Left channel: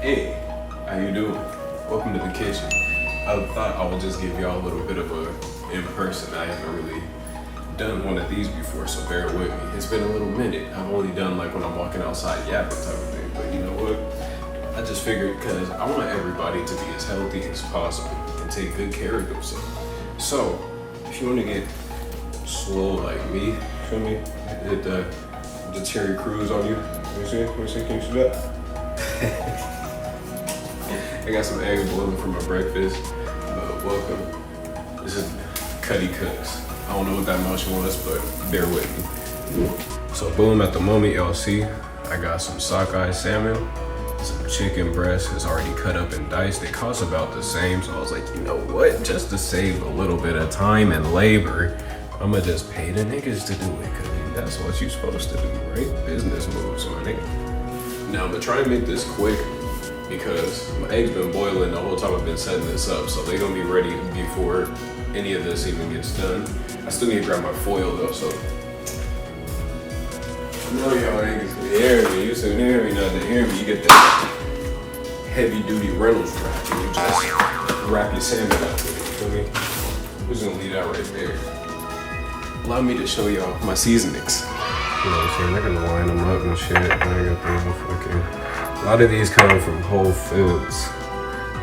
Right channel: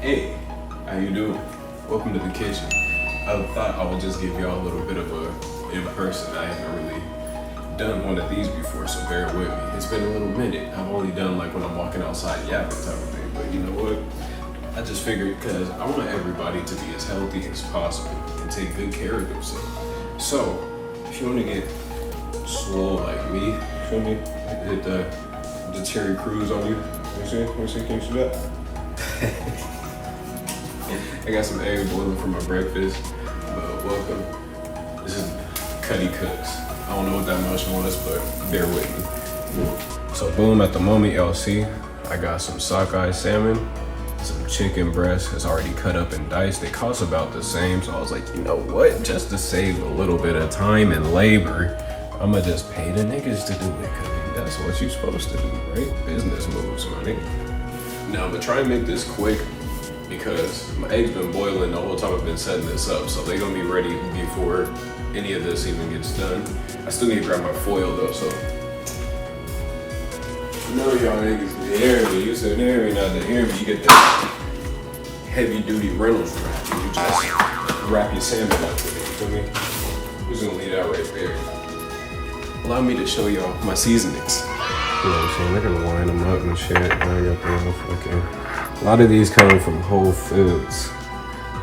Hey, how you doing? Welcome to the kitchen. I thought I would just give y'all a little bit of a in person. I haven't really done one of these before, so bear with me. It's been a little minute. I've only done like when I'm walking outside yapping type of thing, but you know what? I just figured because I want everybody to be as healthy as possible and take good care of themselves. So, if you want to get slow like me, feel me? Hit the cherry cruise on you. Let me see, can you see that? I got some eggs boiling for my breakfast, but welcome. This is Cuddy Cooks. I don't know what that motion was, but bear with me. So boom, at the moment y'all see, I got some sockeye salmon, some chicken breast. It's already cut up and diced. They cost about the same, so I was like, you know what? Just to save a little bit of time and labor, I'ma just pay the niggas to do it, cause that's what you're supposed to do, right? Business moves, my nigga. Now I'm gonna try and make this quick because my eggs been boiling the whole time I've been setting this up, so they're gonna be ready before any of this even gets done. I still need to grab my foil though, so. I know y'all niggas can hear me. You said hear me, not to hear me. You get that heavy duty Reynolds wrap and you just wrap your salmon up with it, you feel me? We're just gonna leave that right there. Allow me to show y'all my seasonings. You know what I'm saying? They're gonna line them up and shit. I got the fucking. A lot of these come from Whole Foods.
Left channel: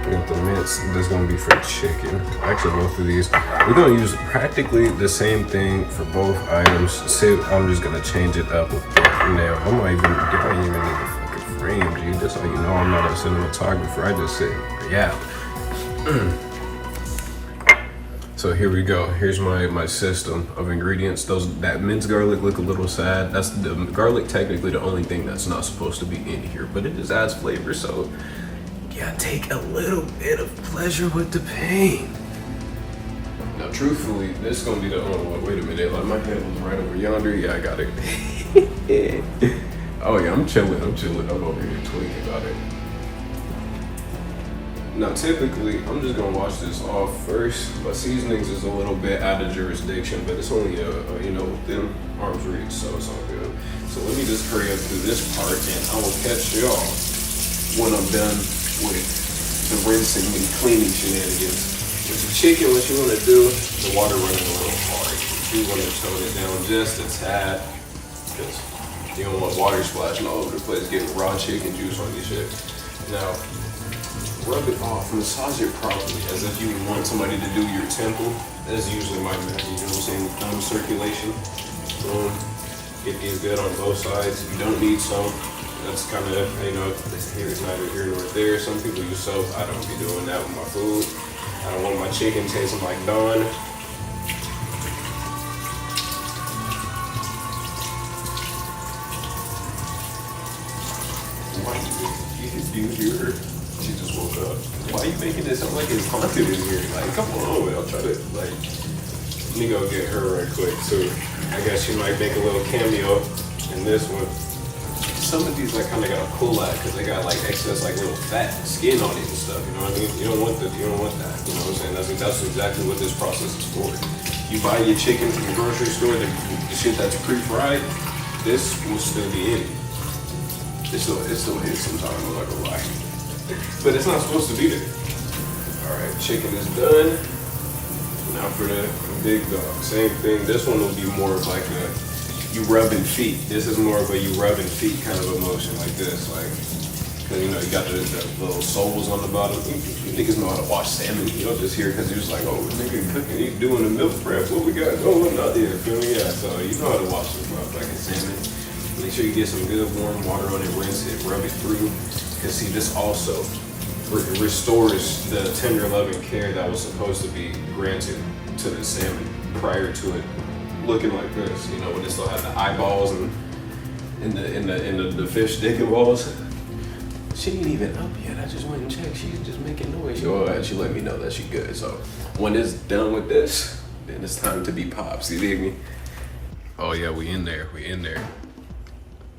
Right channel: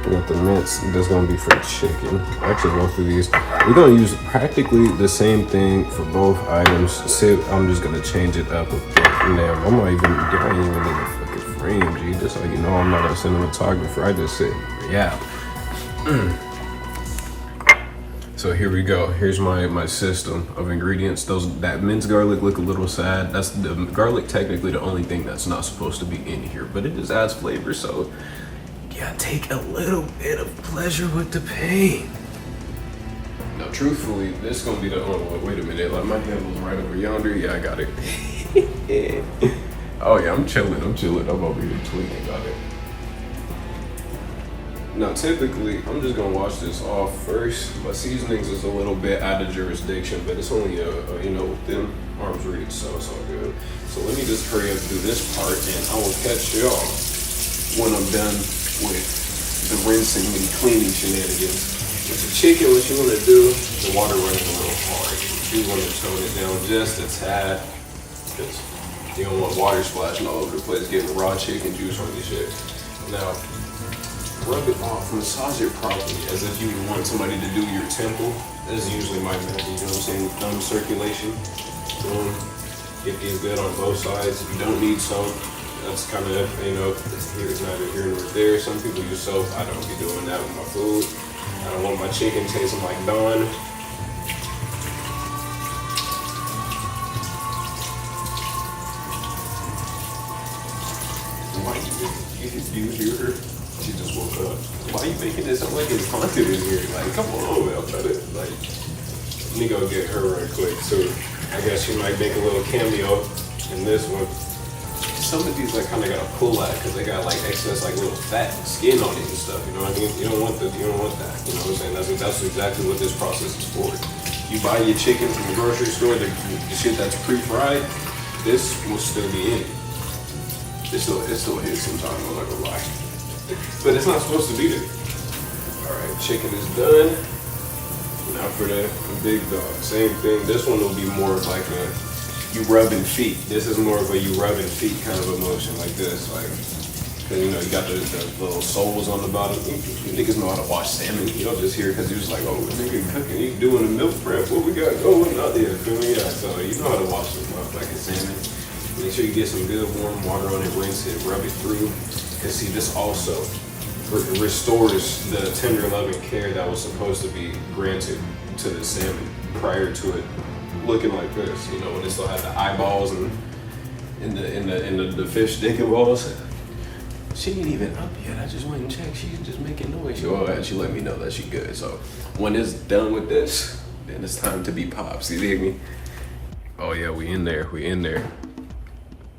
We got the mince. That's gonna be for chicken. Actually, both of these. We're gonna use practically the same thing for both items. So I'm just gonna change it up a bit. Now, I don't even need a fucking frame, G. Just so you know, I'm not a cinematographer. I just say, yeah. So here we go. Here's my system of ingredients. That minced garlic look a little sad. That's the garlic, technically the only thing that's not supposed to be in here, but it just adds flavor. So yeah, take a little bit of pleasure with the pain. Now, truthfully, this is gonna be the only one. Wait a minute, like my handle's right over yonder. Yeah, I got it. Oh yeah, I'm chilling. I'm over here tweaking about it. Now, typically, I'm just gonna wash this off first. My seasonings is a little bit out of jurisdiction, but it's only within arm's reach, so it's all good. So let me just hurry up through this part, and I will catch y'all when I'm done with the rinsing and cleaning shenanigans. With the chicken, what you wanna do, the water running a little hard. You wanna tone it down just a tad, because you don't want water splashing all over the place, getting raw chicken juice on your shit. Now, rub it off, massage it properly, as if you want somebody to do your temple. That's usually my method, you know what I'm saying? Thumb circulation. Boom. Get these good on both sides. You don't need soap. That's kind of, it's neither here nor there. Some people use soap. I don't be doing that with my food. I don't want my chicken tasting like Dawn. Why you hear her? She just woke up. Why are you making it sound like it's haunted in here? Like, come on, I'll try to, let me go get her right quick, too. I guess she might make a little cameo in this one. Some of these I kind of got to pull at because they got, excess, little fat skin on it and stuff, you know what I mean? You don't want that, you know what I'm saying? That's exactly what this process is for. You buy your chicken from the grocery store, the shit that's pre-fried, this will still be in it. It still hits sometimes, I'm not gonna lie. But it's not supposed to be there. All right, chicken is done. Now for the big dog, same thing. This one will be more of like a you rubbing feet. This is more of a you rubbing feet kind of emotion, like this, cause you got the little soles on the bottom. You niggas know how to wash salmon. You don't just hear it cause you're just like, oh, nigga cooking, he doing the milk prep. What we got going out there? Feel me? Yeah. So you know how to wash this motherfucking salmon. Make sure you get some good warm water on it, rinse it, rub it through. Cause see, this also restores the tender love and care that was supposed to be granted to the salmon prior to it looking like this. You know, when it still had the eyeballs and in the fish dick and balls. She ain't even up yet. I just went and checked. She's just making noise. She let me know that she good. So when it's done with this, then it's time to be pops. You dig me? Oh yeah, we in there.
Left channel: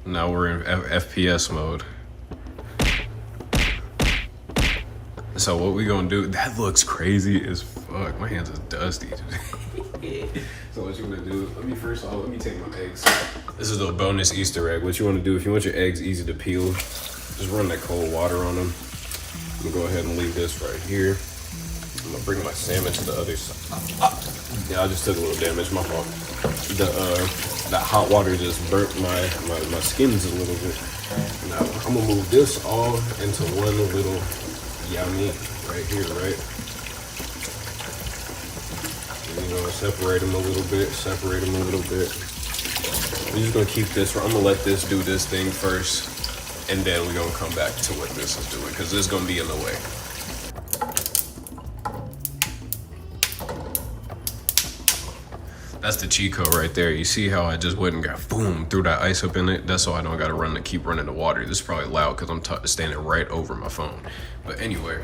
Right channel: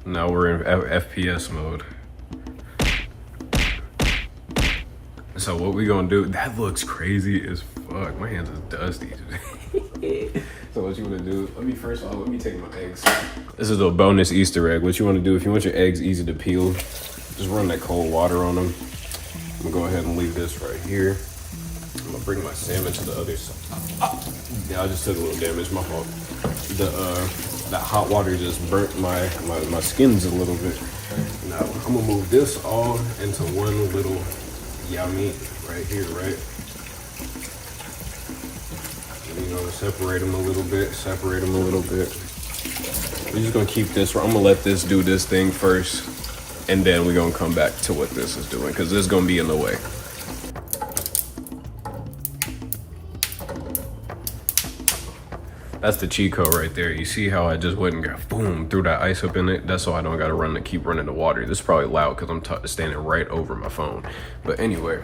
Now we're in FPS mode. So what we gonna do? That looks crazy as fuck. My hands is dusty. So what you wanna do? Let me take my eggs. This is a bonus Easter egg. What you wanna do if you want your eggs easy to peel, Just run that cold water on them. I'm gonna go ahead and leave this right here. I'm gonna bring my salmon to the other side. Yeah, I just took a little damage, my fault. That hot water just burnt my skins a little bit. Now I'm gonna move this all into one little yummy right here, right? You know, separate them a little bit, separate them a little bit. We're just gonna keep this, I'm gonna let this do this thing first, and then we're gonna come back to what this is doing, because this is gonna be in the way. That's the cheat code right there. You see how I just went and got boom, threw that ice up in it? That's why I don't gotta keep running the water. This is probably loud because I'm standing right over my phone. But anyway,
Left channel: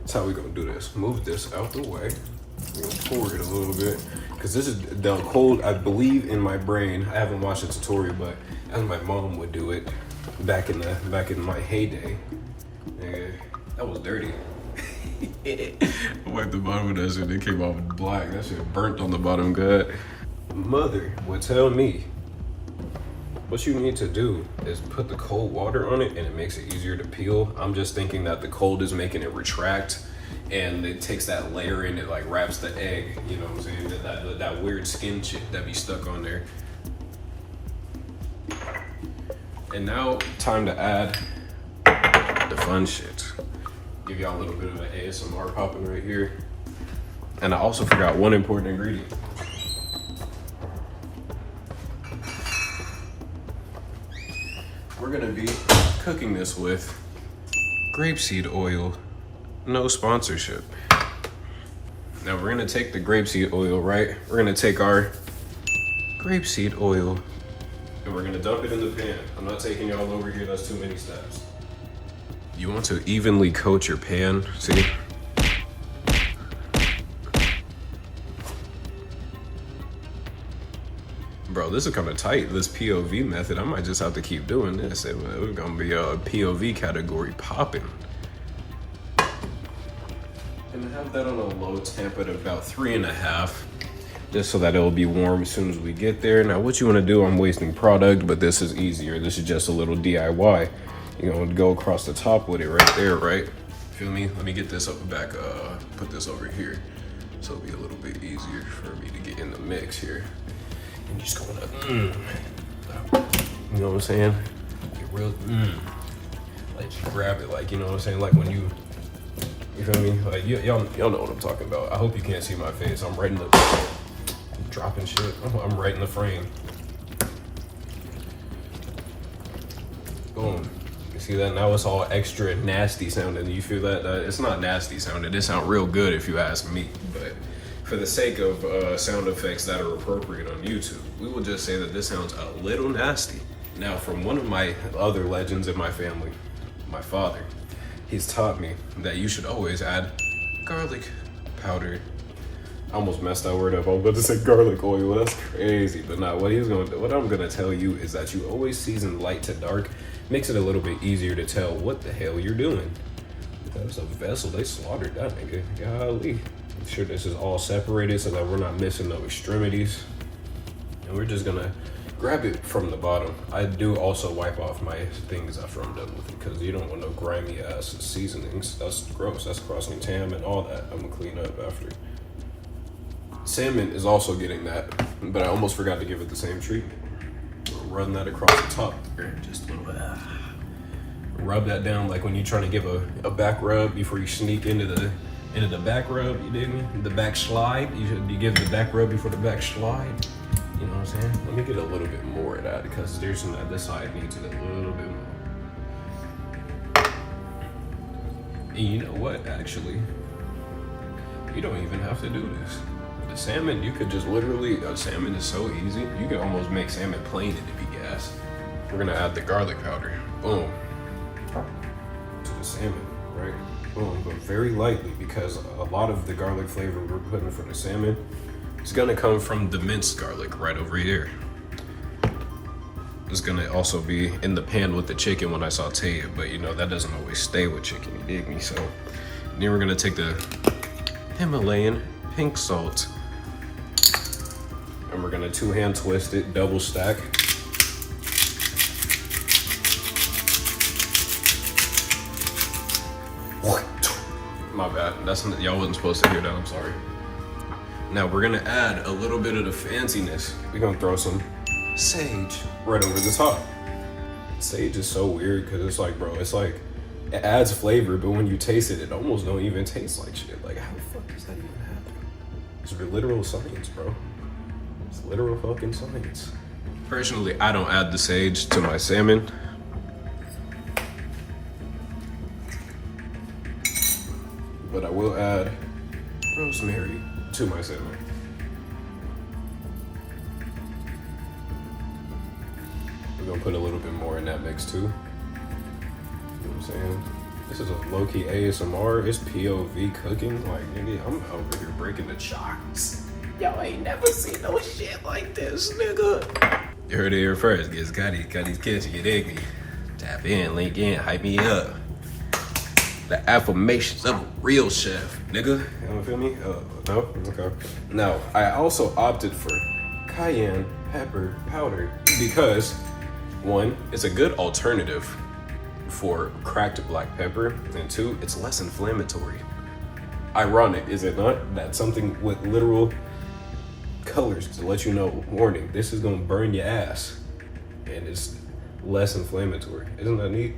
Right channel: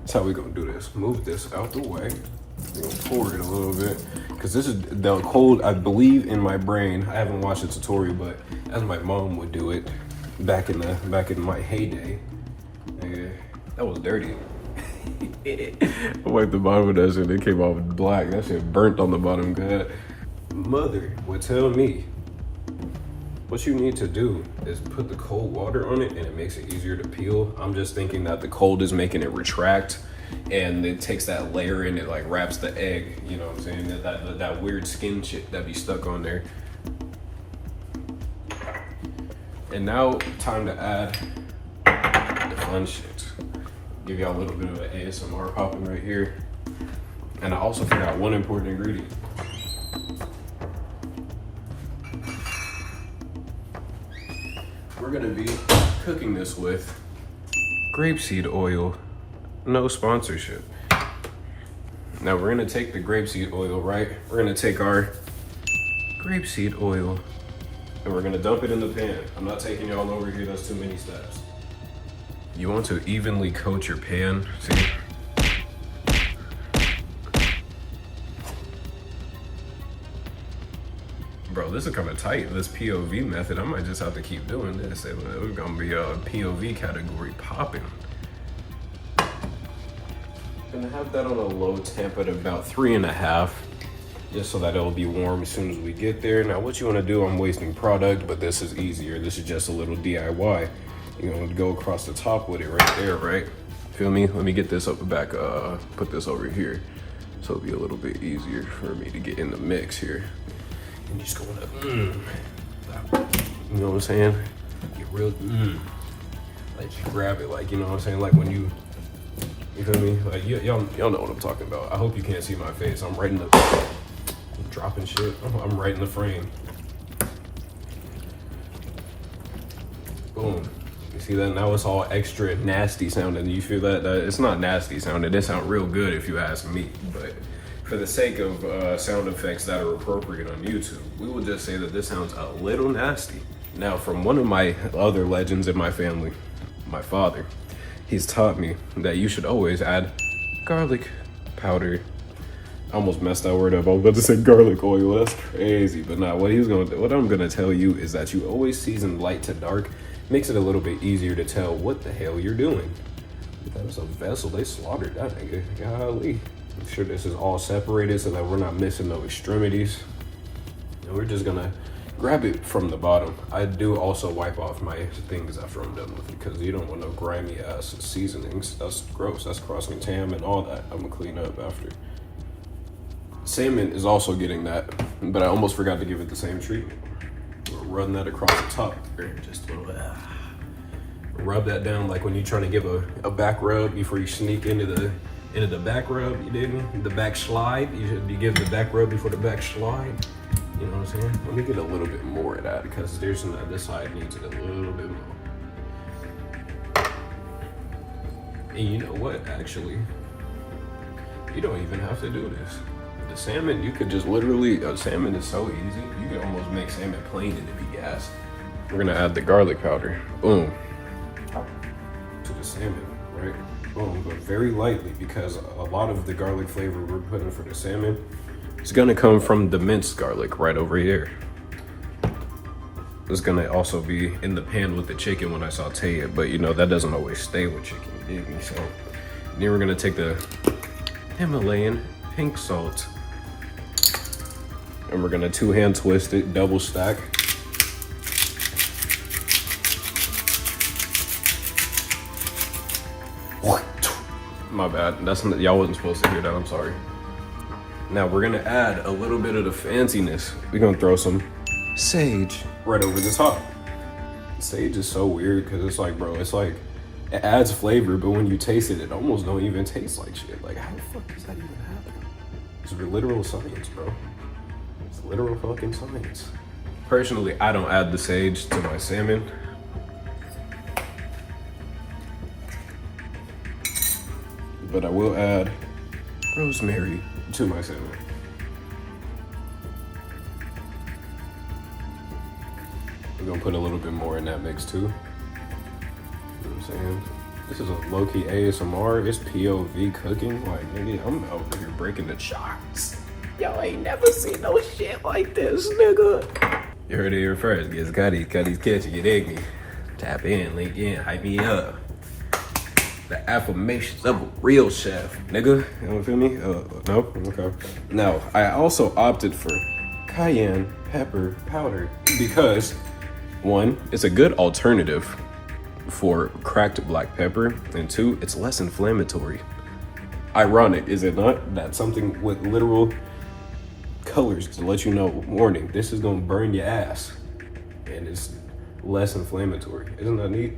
that's how we gonna do this. Move this out the way. We're gonna pour it a little bit. Because this is the cold, I believe in my brain. I haven't watched a tutorial, but as my mom would do it back in my heyday. Yeah, that was dirty. I wiped the bottom of that shit, it came off black. That shit burnt on the bottom good. Mother would tell me, what you need to do is put the cold water on it and it makes it easier to peel. I'm just thinking that the cold is making it retract and it takes that layer and it like wraps the egg, you know what I'm saying? That weird skin shit that be stuck on there. And now, time to add the fun shit. Give y'all a little bit of an ASMR popping right here. And I also forgot one important ingredient. We're gonna be cooking this with grapeseed oil. No sponsorship. Now we're gonna take the grapeseed oil, right? We're gonna take our grapeseed oil and we're gonna dump it in the pan. I'm not taking y'all over here, that's too many steps. You want to evenly coat your pan, see? Bro, this is kind of tight, this POV method. I might just have to keep doing this. It's gonna be a POV category popping. Gonna have that on a low temp at about 3.5, just so that it'll be warm as soon as we get there. Now, what you wanna do, I'm wasting product, but this is easier. This is just a little DIY. You're gonna go across the top with it right there, right? Feel me? Let me get this up the back, put this over here. So it'll be a little bit easier for me to get in the mix here. And just going up, you know what I'm saying? Get real, like you grab it, like, you know what I'm saying? Like when you feel me? Like y'all know what I'm talking about. I hope you can't see my face. I'm right in the, I'm dropping shit. I'm right in the frame. Boom. See that? Now it's all extra nasty sounding. You feel that? It's not nasty sounding. It sounds real good if you ask me. But for the sake of sound effects that are appropriate on YouTube, we will just say that this sounds a little nasty. Now, from one of my other legends in my family, my father, he's taught me that you should always add garlic powder. I almost messed that word up. I was about to say garlic oil. That's crazy. But nah, what I'm gonna tell you is that you always season light to dark. Makes it a little bit easier to tell what the hell you're doing. That was a vessel, they slaughtered that nigga, golly. Make sure this is all separated so that we're not missing no extremities. And we're just gonna grab it from the bottom. I do also wipe off my things after I'm done with it because you don't want no grimy ass seasonings. That's gross, that's crossing tam and all that. I'm gonna clean up after. Salmon is also getting that, but I almost forgot to give it the same treatment. Run that across the top there, just a little bit. Rub that down like when you're trying to give a back rub before you sneak into the back rub, you dig me? The back slide, you give the back rub before the back slide. You know what I'm saying? Let me get a little bit more of that because there's this side needs it a little bit more. And you know what, actually, you don't even have to do this. The salmon, you could just literally, salmon is so easy. You can almost make salmon plain and it be gas. We're gonna add the garlic powder, boom, to the salmon, right? Boom, but very lightly because a lot of the garlic flavor we're putting for the salmon is gonna come from the minced garlic right over here. It's gonna also be in the pan with the chicken when I saute it, but you know, that doesn't always stay with chicken, you dig me? So then we're gonna take the Himalayan pink salt and we're gonna 2-hand twist it, double stack. My bad. That's y'all wasn't supposed to hear that. I'm sorry. Now we're gonna add a little bit of the fanciness. We're gonna throw some sage right over the top. Sage is so weird because it's like, bro, it's like it adds flavor, but when you taste it, it almost don't even taste like shit. Like, how the fuck does that even happen? It's literal science, bro. It's literal fucking science. Personally, I don't add the sage to my salmon. But I will add rosemary to my salmon. We're gonna put a little bit more in that mix too. You know what I'm saying? This is a low-key ASMR. It's POV cooking. Like, nigga, I'm over here breaking the charts. Y'all ain't never seen no shit like this, nigga. You heard it here first. GitzCuddy, Cuddy's Kitchen, you dig me? Tap in, link in, hype me up. The affirmations of a real chef, nigga. You know, feel me? No? Okay. Now, I also opted for cayenne pepper powder because, one, it's a good alternative for cracked black pepper, and two, it's less inflammatory. Ironic, is it not? That something with literal colors to let you know, warning, this is gonna burn your ass, and it's less inflammatory. Isn't that neat?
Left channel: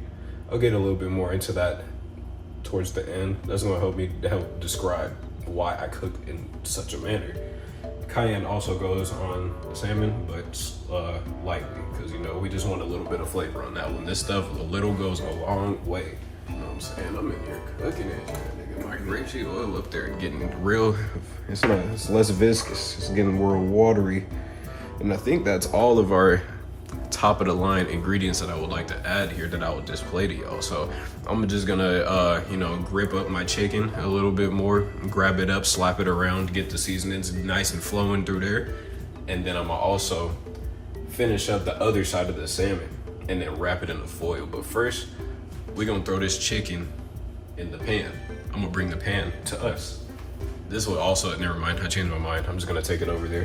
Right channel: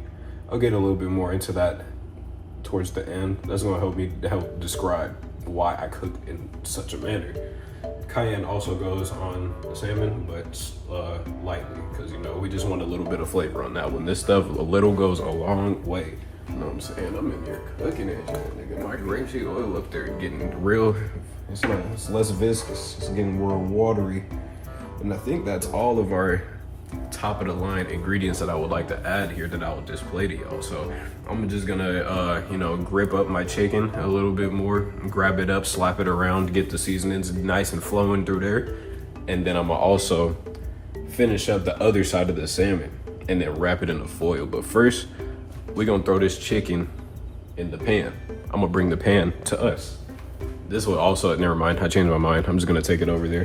I'll get a little bit more into that towards the end. That's gonna help me help describe why I cook in such a manner. Cayenne also goes on salmon, but lightly, because you know we just want a little bit of flavor on that one. This stuff, a little goes a long way. You know what I'm saying? I'm in here cooking it. Nigga, my grapeseed oil up there getting real. It's less viscous. It's getting more watery, and I think that's all of our top of the line ingredients that I would like to add here that I will display to y'all. So I'm just gonna you know, grip up my chicken a little bit more, grab it up, slap it around, get the seasonings nice and flowing through there, and then I'm gonna also finish up the other side of the salmon and then wrap it in the foil. But first we're gonna throw this chicken in the pan. I'm gonna bring the pan to us. This will also, never mind, I changed my mind. I'm just gonna take it over there.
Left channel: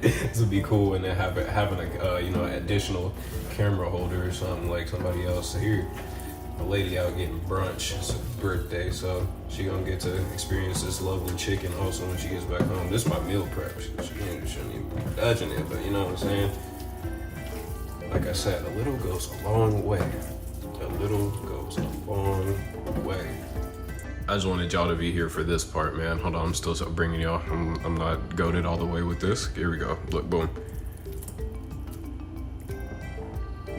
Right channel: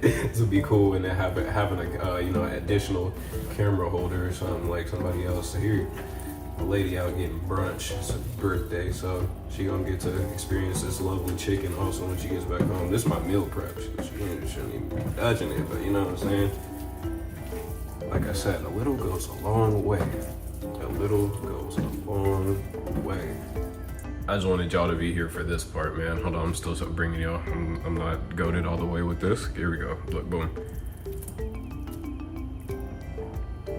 This would be cool, and then having a you know, additional camera holder or something, like somebody else here. A lady out getting brunch, it's her birthday, so she gonna get to experience this lovely chicken also when she gets back home. This is my meal prep. She shouldn't even be dodging it, but you know what I'm saying? Like I said, a little goes a long way. A little goes a long way. I just wanted y'all to be here for this part, man. Hold on, I'm still bringing y'all. I'm not goated all the way with this. Here we go. Look, boom.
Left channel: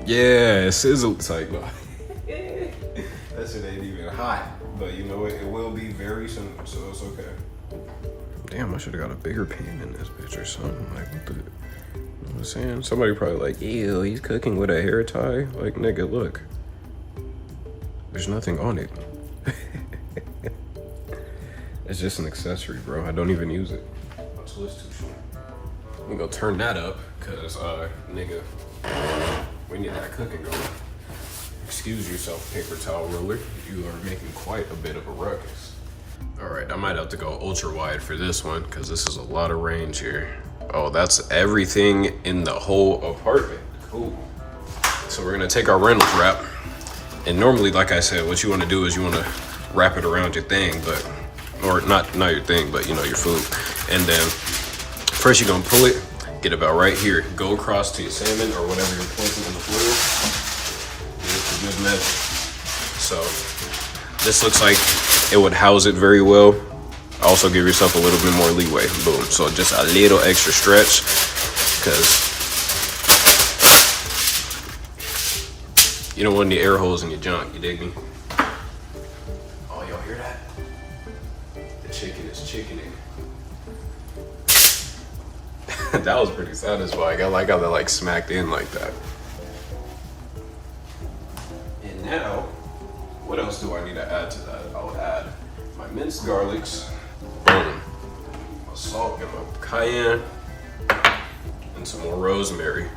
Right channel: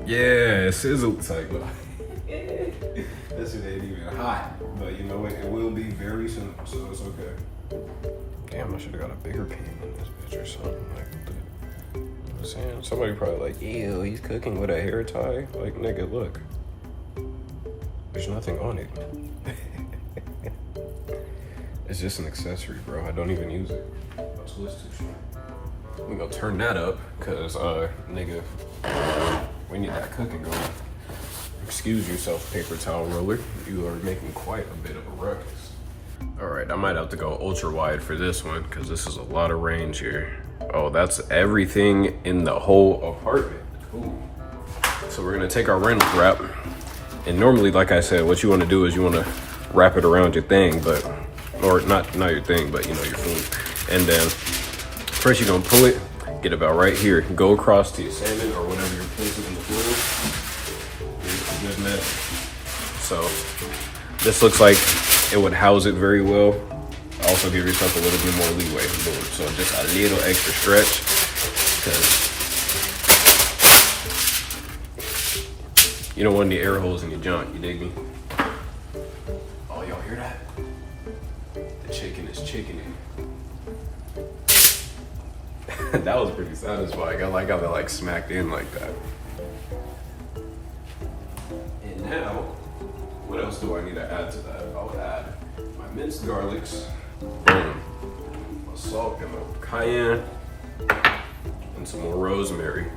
Yeah, sizzle type. That shit ain't even hot, but you know what? It will be very soon, so it's okay. Damn, I should have got a bigger pan in this bitch or something. Like, what the? You know what I'm saying? Somebody probably like, ew, he's cooking with a hair tie. Like, nigga, look. There's nothing on it. It's just an accessory, bro. I don't even use it. Watch this too short. I'm gonna turn that up, cause nigga, we need that cooking going. Excuse yourself, paper towel roller. You are making quite a bit of a ruckus. All right, I might have to go ultra wide for this one, cause this is a lot of range here. Oh, that's everything in the whole apartment. Cool. So we're gonna take our Reynolds wrap, and normally, like I said, what you wanna do is you wanna wrap it around your thing, but or not your thing, but you know, your food. And then first you're gonna pull it, get about right here, go across to your salmon or whatever you're placing in the foil. It's a good measure. So this looks like it would house it very well. Also give yourself a little bit more leeway. Boom. So just a little extra stretch, because you don't want any air holes in your junk, you dig me? That was pretty satisfying. I like how that like smacked in like that. And now, what else do I need to add to that? I'll add my minced garlics, boom, my salt and my cayenne, and some more rosemary.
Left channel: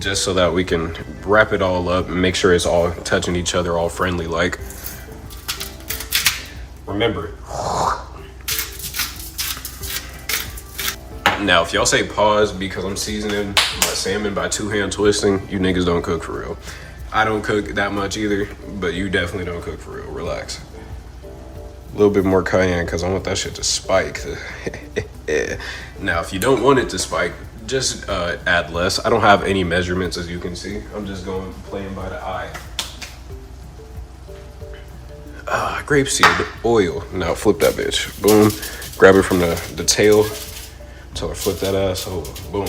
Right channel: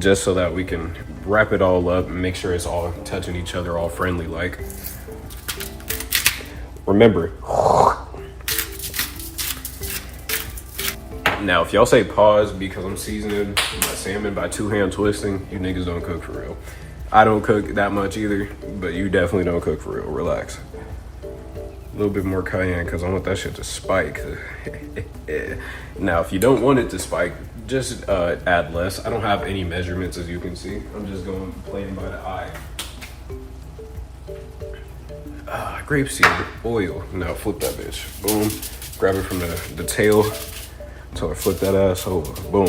Just so that we can wrap it all up and make sure it's all touching each other, all friendly like. Remember, now, if y'all say pause because I'm seasoning my salmon by two-hand twisting, you niggas don't cook for real. I don't cook that much either, but you definitely don't cook for real. Relax. A little bit more cayenne because I want that shit to spike. Now, if you don't want it to spike, just add less. I don't have any measurements, as you can see. I'm just playing by the eye. Grapeseed oil. Now flip that bitch. Boom. Grab it from the tail. Tell her flip that ass over. Boom.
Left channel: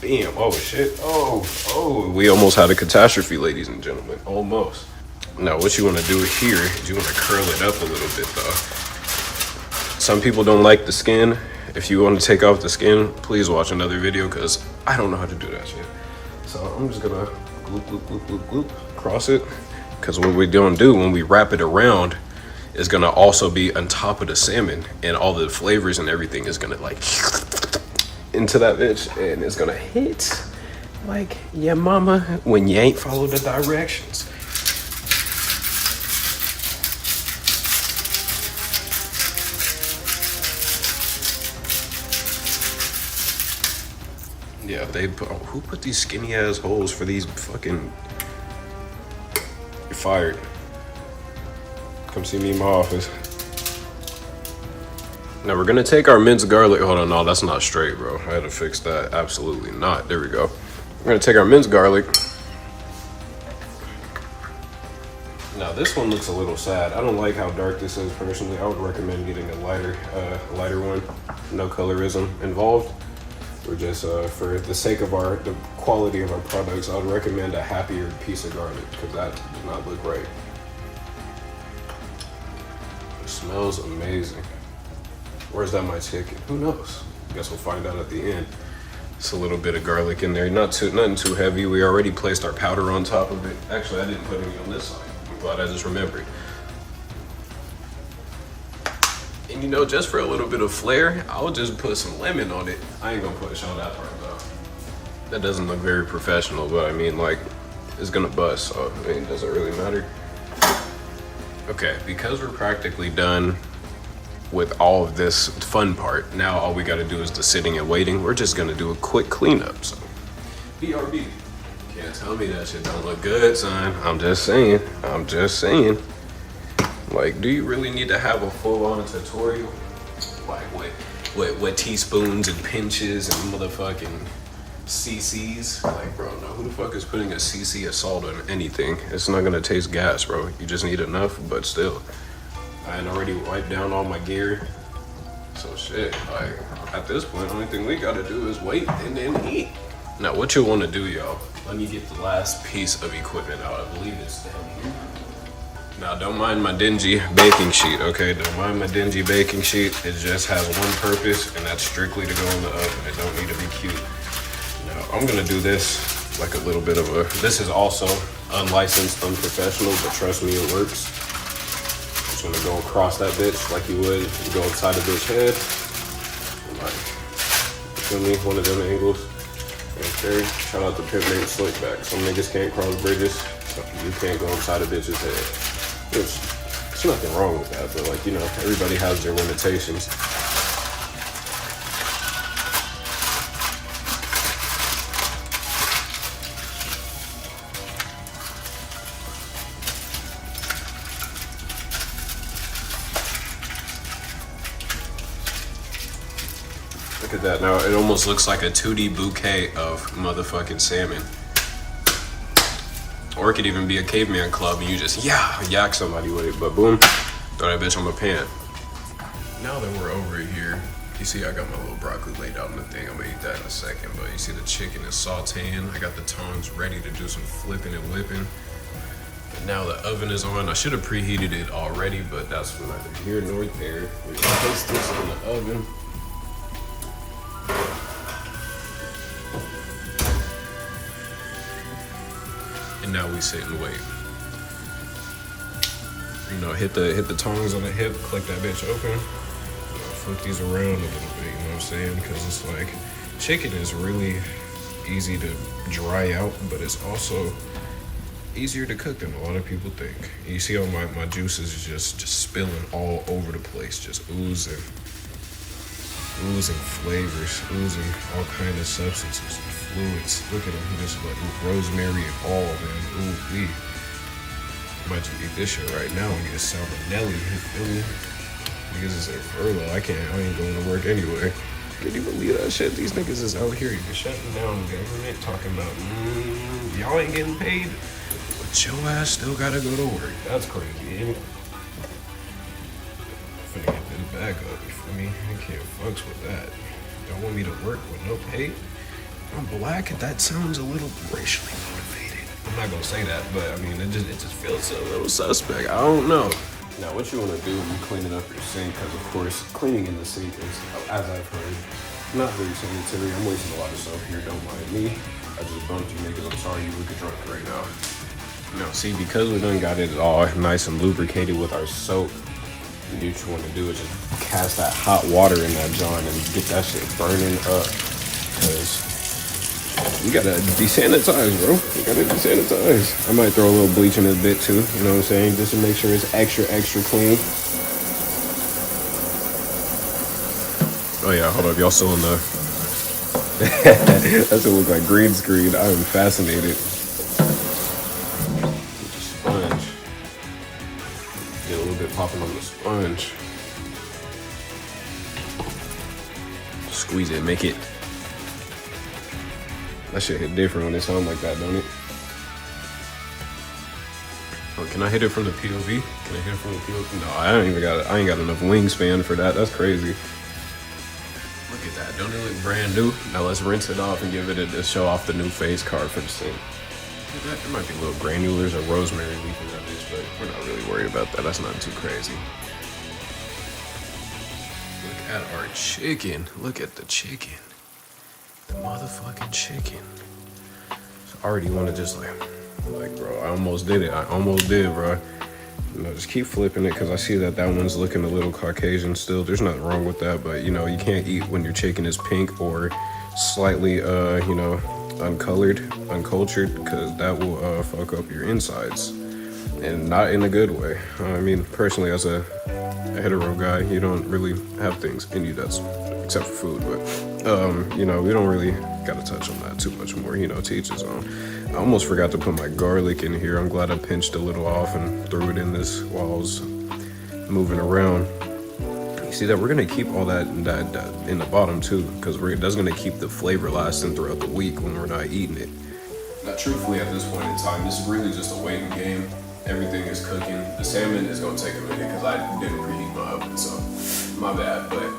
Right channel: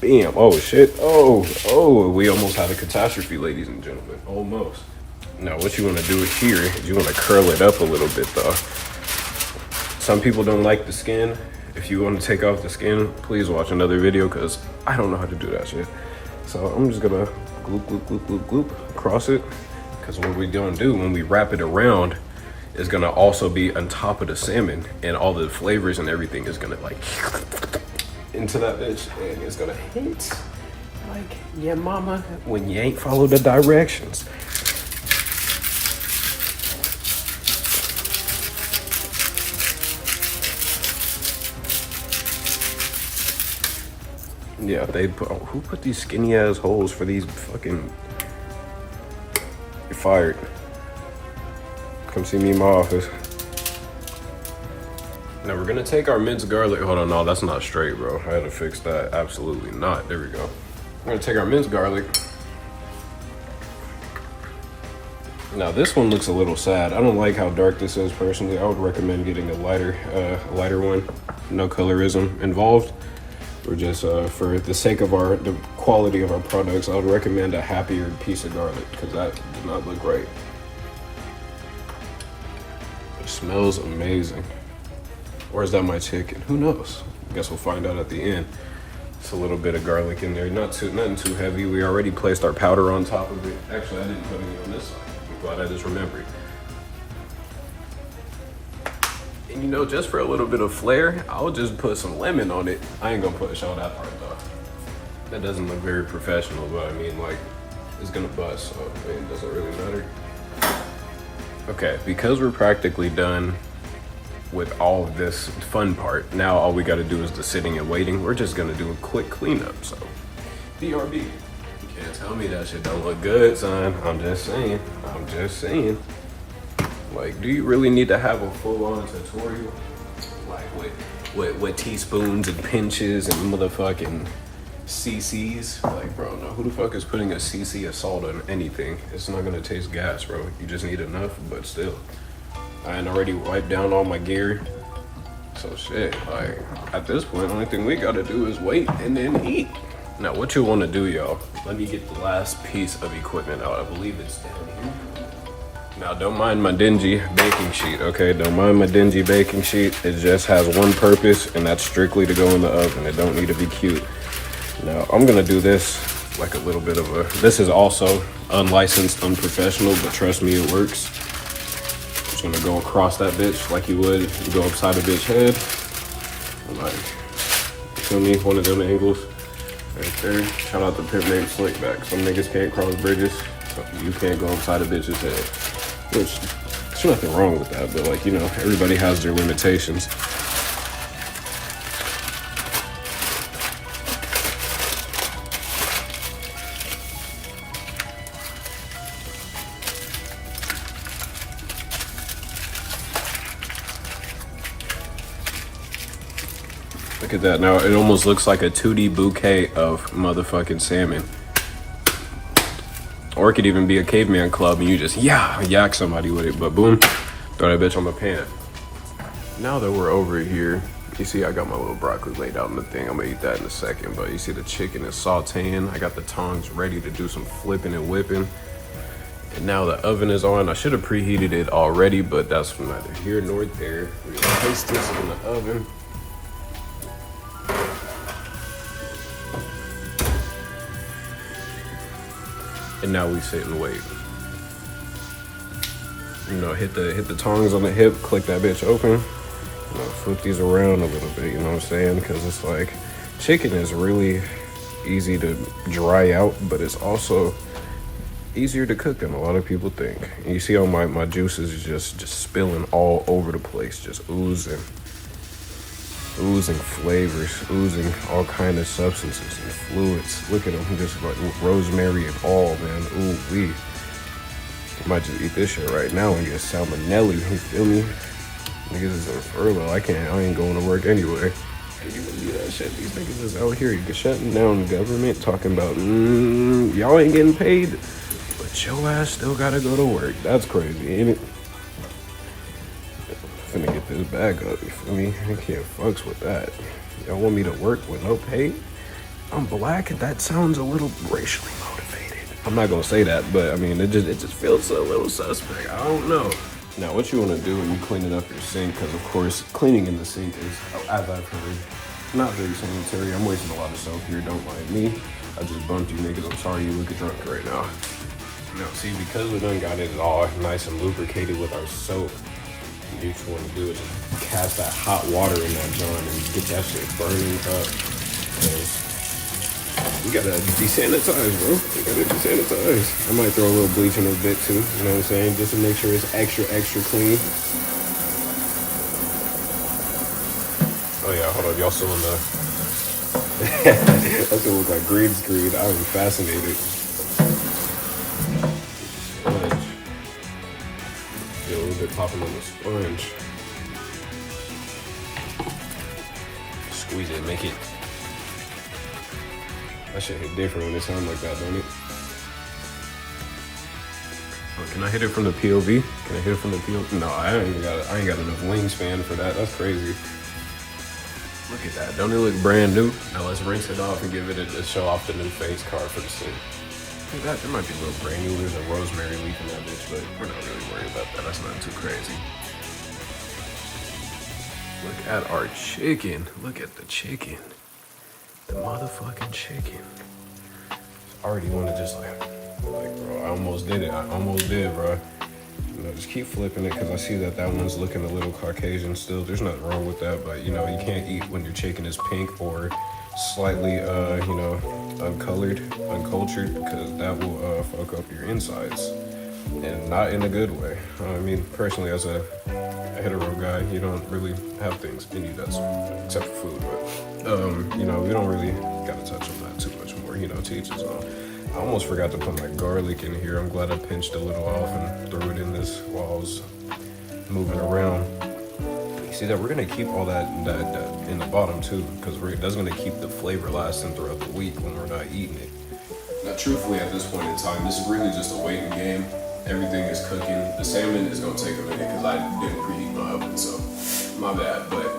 Bam. Oh shit. Oh. We almost had a catastrophe, ladies and gentlemen. Almost. Now what you want to do here is you want to curl it up a little bit though. Some people don't like the skin. If you want to take off the skin, please watch another video because I don't know how to do that shit. So I'm just gonna gloop, gloop, gloop, gloop, gloop, cross it. Because what we're gonna do when we wrap it around is gonna also be on top of the salmon, and all the flavors and everything is gonna like into that bitch, and it's gonna hit like yeah mama when you ain't follow the directions. Yeah, who put these skinny ass holes for these fucking... You're fired. Come see me in my office. Now we're gonna take our minced garlic. Hold on, no, that's not straight, bro. I had to fix that. Absolutely not. There we go. We're gonna take our minced garlic. Now this one looks a little sad. I don't like how dark this is personally. I would recommend getting a lighter one. No colorism involved. We're just, for the sake of the quality of our products, I would recommend a happier piece of garlic because that does not look right. It smells amazing. Or is that my chicken? Who knows? Guess we'll find out at the end. It's a little bit of garlic in there, nothing too heavy. We already placed our powder on top of it. Actually, I didn't put any on this side. I'm glad I just remembered. And you know, just for a little bit of flair, I'll just put some lemon on it. I ain't gonna show that part though. That doesn't look very professional, but I mean, like, it's gonna bust, so I mean, it doesn't really matter. Okay, because we're practically done with all of this fun part, now all we gotta do is the sitting and waiting. We're just gonna do a quick cleanup, so. BRB. Can't tell me that shit don't look good, son. I'm just saying. Like, do you really need to have a full-on tutorial? Like, with teaspoons and pinches and motherfucking CCs? Like, bro, no, who the fuck is putting a CC of salt on anything? It's not gonna taste gas, bro. You just need enough, but still. I had already wiped down all my gear. So shit, like, at this point, the only thing we gotta do is wait and then eat. Now, what you wanna do, y'all, let me get the last piece of equipment out. I believe it's down here. Now, don't mind my dingy baking sheet, okay? Don't mind my dingy baking sheet. It just has one purpose, and that's strictly to go in the oven. It don't need to be cute. Now, I'm gonna do this like a little bit of this is also unlicensed, unprofessional, but trust me, it works. Just gonna go across that bitch like you would if you go upside a bitch head. Like, feel me? One of them angles. Right there. Shout out to Pimp Nate Slickback. Some niggas can't cross bridges, so you can't go inside a bitch's head. There's nothing wrong with that, but like, you know, everybody has their limitations. Look at that. Now it almost looks like a 2D bouquet of motherfucking salmon. Or it could even be a caveman club and you just yak somebody with it. But boom, throw that bitch on my pan. Now that we're over here, you see I got my little broccoli laid out in the thing. I'm gonna eat that in a second. But you see the chicken is sauteing. I got the tongs ready to do some flipping and whipping. And now the oven is on. I should have preheated it already, but that's neither here nor there. We're gonna place this in the oven. And now we sit and wait. You know, hit the tongs on the hip, click that bitch open. You know, flip these around a little bit, you know what I'm saying? Because it's like, chicken is really easy to dry out, but it's also easier to cook than a lot of people think. And you see how my juices is just spilling all over the place, just oozing. oozing flavors, oozing all kind of substances and fluids. Look at him, just like rosemary and all, man. Ooh wee. I might just eat this shit right now and get salmonella. You feel me? Niggas is in furlough. I ain't going to work anyway. Did you believe that shit? These niggas is out here shutting down the government, talking about y'all ain't getting paid, but your ass still gotta go to work. That's crazy, ain't it? Finna get this bag up, you feel me? I can't fucks with that. Y'all want me to work with no pay? I'm black. That sounds a little racially motivated. I'm not gonna say that, but I mean, it just feels a little suspect. I don't know. Now, what you want to do when you clean it up your sink, because of course, cleaning in the sink is, as I've heard, not very sanitary. I'm wasting a lot of soap here, don't mind me. I just bumped you niggas, I'm sorry you look drunk right now. Now, see, because we done got it all nice and lubricated with our soap, what you want to do is just cast that hot water in that jar and get that shit burning up, because you gotta desanitize, bro. You gotta desanitize. I might throw a little bleach in a bit too, you know what I'm saying? Just to make sure it's extra clean. Oh yeah, hold on, y'all saw the... That's what looks like green screen. I am fascinated. Sponge. Get a little bit popping on the sponge. Squeeze it, make it... That shit hit different when it sounds like that, don't it? Oh, can I hit it from the POV? Can I hit it from the POV? No, I ain't got enough wingspan for that. That's crazy. Look at that. Don't it look brand new? Now let's rinse it off and give it a show off the new face card for the sink. There might be little granulars or rosemary leaf in that bitch, but we're not really worried about that. That's not too crazy. Look at our chicken. Look at the chicken. The motherfucking chicken. I already want to just like, bro, I almost did it. I almost did, bro. You know, just keep flipping it because I see that one's looking a little Caucasian still. There's nothing wrong with that, but you know, you can't eat when your chicken is pink or slightly, you know, uncultured, because that will fuck up your insides, and not in a good way. I mean, personally, as a hetero guy, you don't really have things in you that's except for food, but you know, we don't really gotta touch on that too much more, you know, to each his own. I almost forgot to put my garlic in here. I'm glad I pinched a little off and threw it in this while I was moving around. You see that we're gonna keep all that in the bottom too, because that's gonna keep the flavor lasting throughout the week when we're not eating it. Now, truthfully, at this point in time, this is really just a waiting game. Everything is cooking. The salmon is gonna take a minute because I didn't preheat my oven, so my bad. But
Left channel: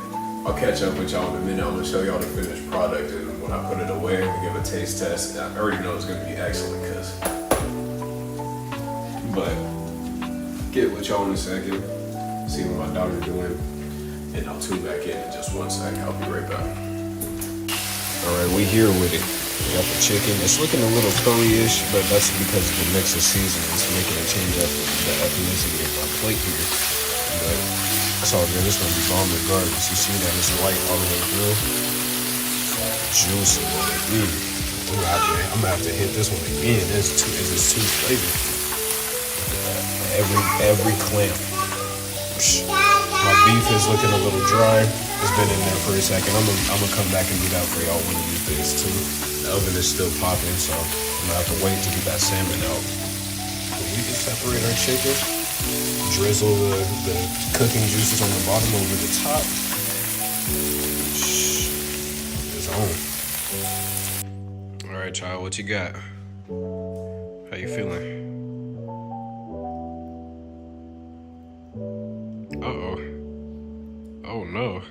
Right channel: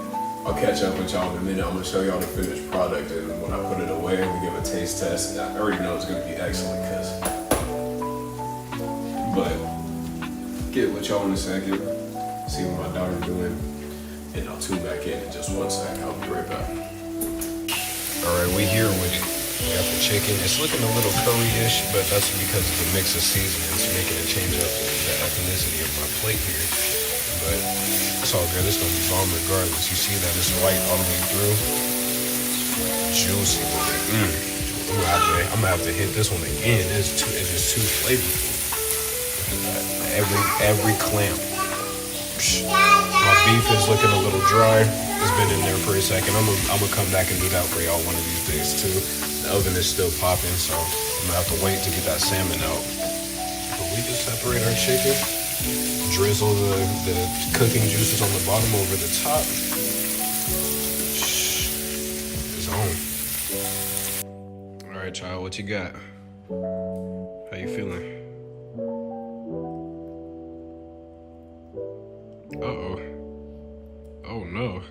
I'll catch up with y'all in a minute. I'm gonna show y'all the finished product, and when I put it away and we give a taste test, I already know it's gonna be excellent. But get with y'all in a second. See what my daughter's doing, and I'll tune back in just 1 sec. I'll be right back. All right, we here with it. We got the chicken. It's looking a little curry-ish, but that's because of the mix of seasonings making it change up the ethnicity of my plate here. But that's all good. It's gonna be bomb regardless. You see that it's light all the way through. Juicy with it. I'm gonna have to hit this one again. It's just too flavorful. Look at that. Every clamp. My beef is looking a little dry. It's been in there for a second. I'm gonna come back and do that for y'all one of these days too. The oven is still popping, so I'm gonna have to wait to get that salmon out. But we can separate our chicken, drizzle the cooking juices on the bottom over the top. It's on. All right, child, what you got? How you feeling? Uh-oh. Oh no,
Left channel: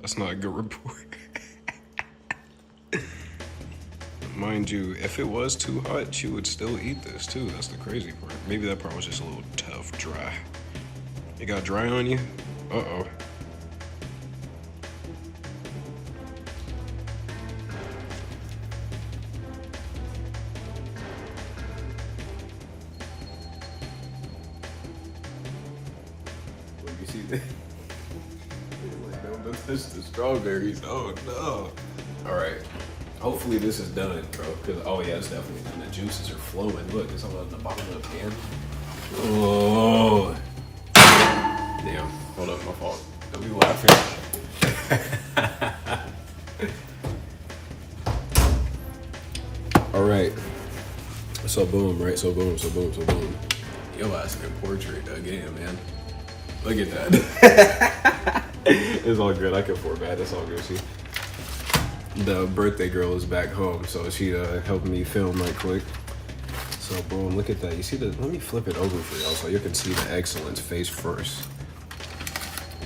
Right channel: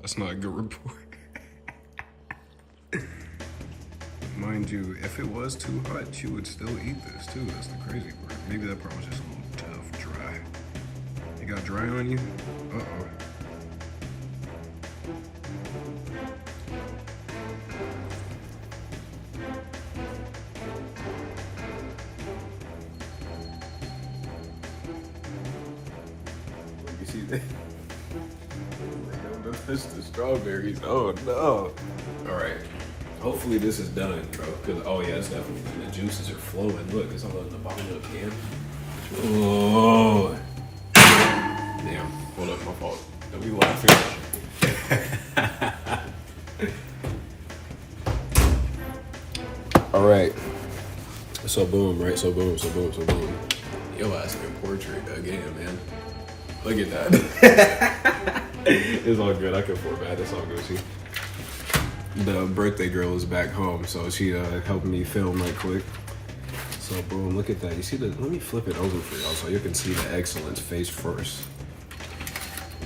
that's not a good report. Mind you, if it was too hot, you would still eat this too. That's the crazy part. Maybe that part was just a little tough, dry. It got dry on you? Uh-oh. You see that? Don't touch the strawberries. Oh no. All right. Hopefully this is done, bro. Cause oh yeah, it's definitely done. The juices are flowing. Look, it's all on the bottom of the pan. Oh. Damn. Hold up, my fault. Don't be laughing. So boom, right? So boom. Yo, ass in a portrait again, man. Look at that. It's all good. I can afford that. It's all good. See, the birthday girl is back home, so she helped me film right quick. So boom, look at that. You see the? Let me flip it over for y'all so you can see the excellence face first.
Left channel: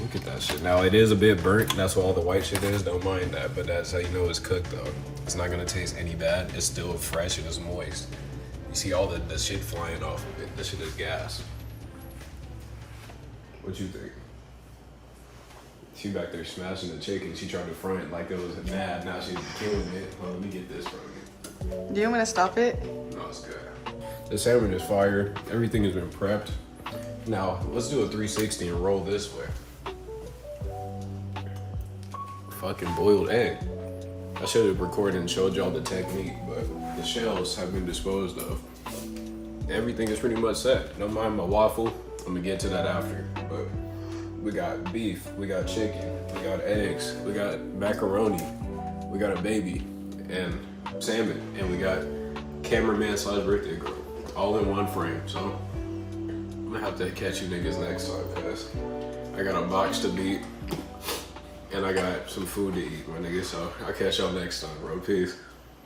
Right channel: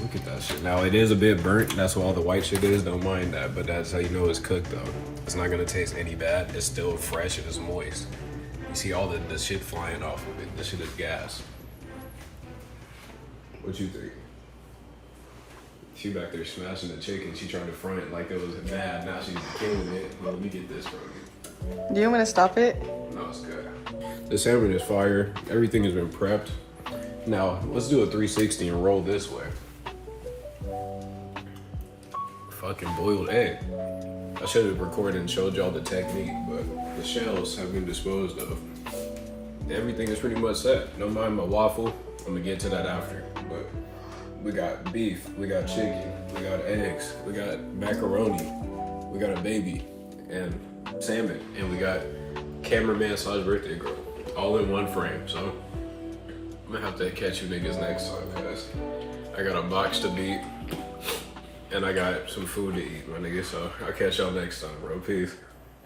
Look at that shit. Now it is a bit burnt. That's what all the white shit is. Don't mind that, but that's how you know it's cooked though. It's not gonna taste any bad. It's still fresh and it's moist. You see all the shit flying off of it. This shit is gas. What you think? She back there smashing the chicken. She tried to front it like it was bad. Now she's killing it. Let me get this from you. Do you want to stop it? No, it's good. The salmon is fire. Everything has been prepped. Now, let's do a 360 and roll this way. Fucking boiled egg. I should have recorded and showed y'all the technique, but the shells have been disposed of. Everything is pretty much set. Don't mind my waffle. I'm gonna get to that after. But we got beef, we got chicken, we got eggs, we got macaroni, we got a baby, and salmon, and we got cameraman / birthday girl, all in one frame. So I'm gonna have to catch you niggas next time, cause I got a box to beat and I got some food to eat, my nigga. So I'll catch y'all next time, bro. Peace.